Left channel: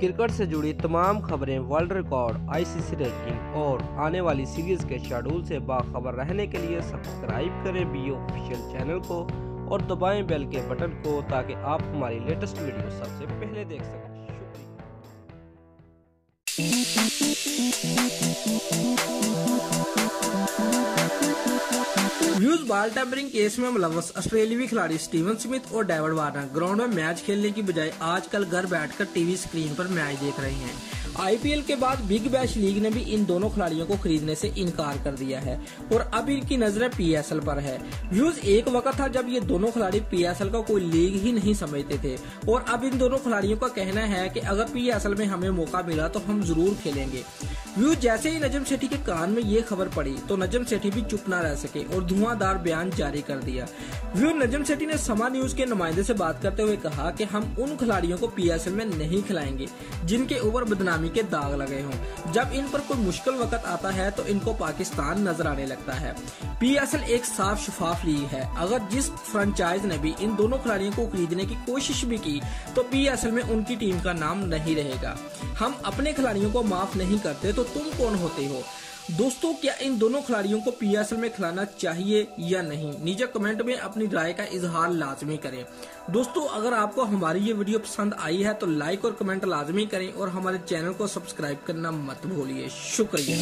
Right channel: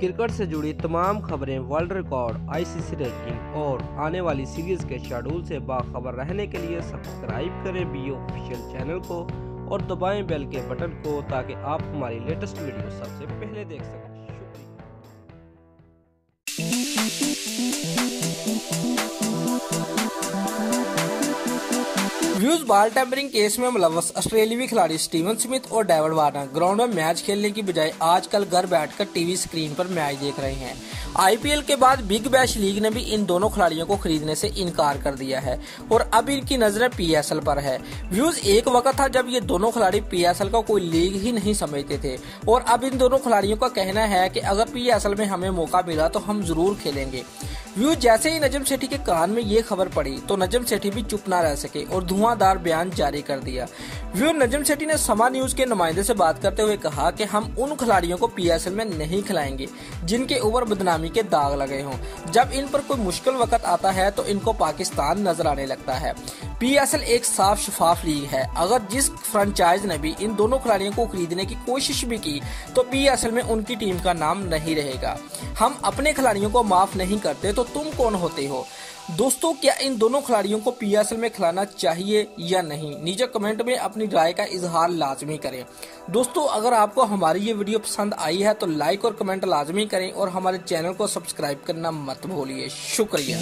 Cricket से जुड़ी तमाम खबरें, वर्ल्ड रिकॉर्ड, आईसीसी रैंकिंग और आने वाली सीरीज के शेड्यूल से बाखबर रहने के लिए सब्सक्राइब करें बी ऑफिशियल चैनल को और दबाएं बेल के बटन को ताकि आप हमारी लेटेस्ट वीडियो सबसे पहले देख सकें। व्यूज बॉल टेम्परिंग केस में मुलव्वस ऑस्ट्रेलियावी खिलाड़ी स्टीवन स्मिथ और डेविड वार्नर ग्राउंड में मैच खेलने की बजाय आजकल घर बैठकर टीवी स्क्रीन पर मैच देख रहे हैं। आईपीएल के बाद बिग बैश लीग ने भी इन दोनों खिलाड़ियों को खरीदने से इनकार कर दिया है और अब इनकी नजरें पीएसएल पर है। व्यूज एक वक्त था जब ये दोनों खिलाड़ी पीएसएल का कोई लीग ही नहीं समझते थे और अब इन दोनों खिलाड़ियों का कहना है कि अगर पीएसएल में हमें मौका मिला तो हम जरूर खेलेंगे। व्यूज जैसे ही नजम सेठी के कान में ये खबर पड़ी तो नजम सेठी भी चुप ना रह सके और धुआंधार बयान जारी कर दिया। व्यूज नजम सेठी ने समा न्यूज के नुमाइंदे से बात करते हुए कहा कि हम उन खिलाड़ियों को पीएसएल में नहीं खिलाएंगे जिनके ऊपर बदनामी के दाग लगे हों। जब इन पर कोई मुश्किल वक्त आता है तो इनको पाकिस्तान नजर आने लगता है। पीएसएल एक साफ शफाफ लीग है। अगर जिस फ्रेंचाइज ने भी इन दोनों खिलाड़ियों को खरीदने की कोशिश भी की तो पीएसएल में उनकी टीम का नाम नहीं रहेगा। हम अपने खिलाड़ियों को माफ नहीं करते तो तुम कौन होते हो? दोस्तों, क्या इन दोनों खिलाड़ियों को पीएसएल में खिलाना चाहिए या नहीं? नीचे कमेंट में अपनी राय का इजहार लाजमी करें। दोस्तों, अगर आपको हमारी ये वीडियो पसंद आई है तो लाइक और कमेंट लाजमी करें और हमारे चैनल को सब्सक्राइब करना मत भूलिए। शुक्रिया।